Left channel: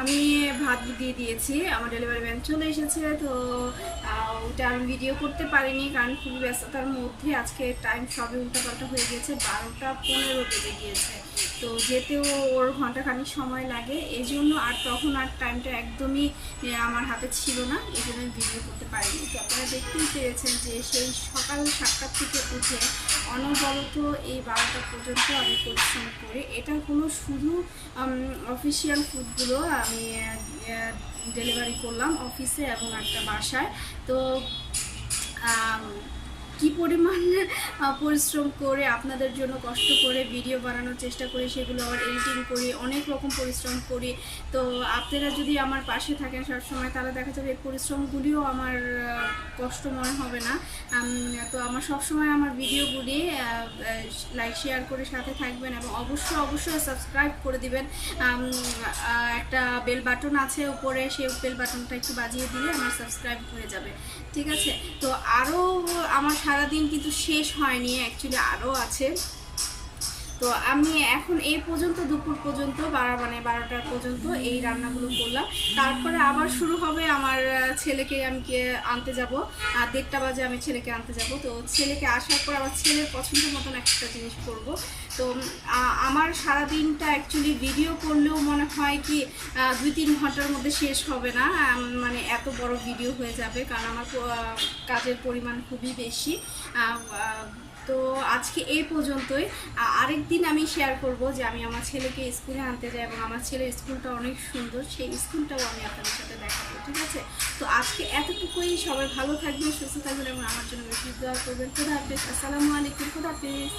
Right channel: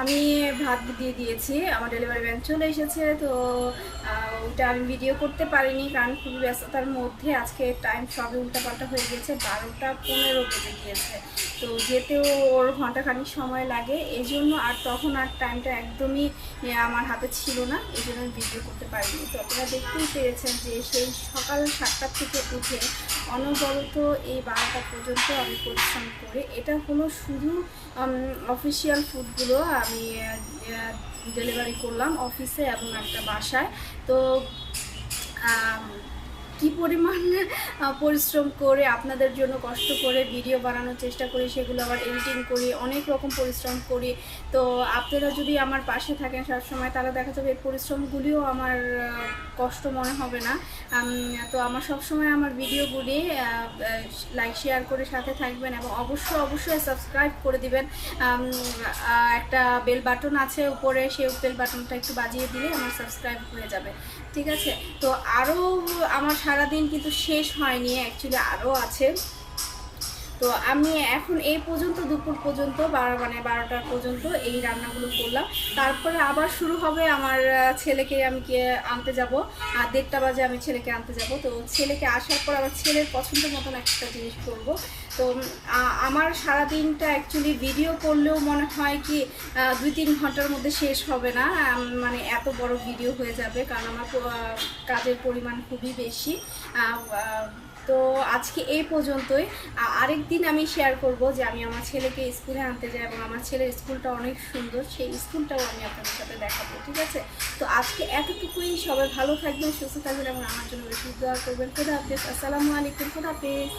আমি ভাত দিয়ে দিয়েছি, আমার ডেলিভারি ম্যান চলে এসেছে। তো ওটা আমি ভিডিও করতে পারিনি কারণ খুবই ব্যস্ততার মধ্যে। আজকে টাইম সবই উল্টাপাল্টা হয়ে গিয়েছে, 12টা 15 বেজে গিয়েছে। তো যেতেও ওর ঘন্টাখানিক সময় লাগে, এই জন্য আর তখন আর টাইমটা একদমই আমার হাতে ছিল না, এই জন্য আমি ভিডিও করতে পারিনি। তো আপনারা দেখতেই পেরেছেন যে সেই সকাল 7টা থেকে উঠে অনবরত এই 12টা পর্যন্ত আমি পরিশ্রম করি। এটা হলো শুধু অফিসিয়াল ফুডগুলো আমি ডেলিভারি করলাম অফিসে এবং একটা বাসায়। তো কি পরিমাণ পরিশ্রম করে আপনাদের জন্য কষ্ট করে ভিডিও বানানোর চেষ্টা করি, সেগুলো আবার এডিটিং করি, অনেক রকম পরিশ্রম করি। তো আপনারা যদি আমার পাশে থাকেন সবসময়, তাহলে দেখা যাবে এই পরিশ্রমগুলিও আমার কষ্ট মনে হবে না। তো আমার সবসময় আমার ভিডিওগুলি লাইক শেয়ার করে সাথে থাকবেন এবং অবশ্যই সাবস্ক্রাইব করে দিবেন। একটা বেল বাটন আছে উপরে, সেই বেল বাটনটা একটু বাজিয়ে দিলে আমার সাবস্ক্রাইব হয়ে যাবে, ঠিক আছে? তো আরও আমার সারাদিন কিন্তু শেষ হয়নি, অ্যাকচুয়ালি আরও আছে। তো আমি এখন এই পর্যন্ত দুপুর পর্যন্ত 12টার পর্যন্ত এই রান্নাগুলো করলাম। তারপরে আবার শুরু হবে আমার ছেলেকে আমি আনতে যাব, 1:30 বাজে আমি ছেলেকে আনতে যাব। তো ছেলেকে আসার পর আবার ছেলের পছন্দ মতন একটা জিনিস করব। তো আমার সারাদিনটা অ্যাকচুয়ালি ভিডিও করলেও মনে হয় কি 2-3 ঘন্টার মধ্যে শেষ হবে না, মানে এত বড় ভিডিও হয়ে যাবে, কারণ আমার কাজের পরিমাণ খুবই বেশি। তো আজকে এই পর্যন্তই। আরেক দিন আমি শেয়ার করব যে আমি আমার ছেলেকে স্কুলে আনতে যাই এবং আমার ছেলের স্কুলটা অনেক সুন্দর, সেই স্কুলটাও আমি আপনাদের সাথে দেখাবো, ঠিক আছে? তো আজকে এতটুকুই। সবাই ভালো থাকবেন, সুস্থ থাকবেন এবং আমার জন্য বেশি দোয়া করবেন। খোদা হাফেজ, আসসালামু আলাইকুম, খোদা হাফেজ।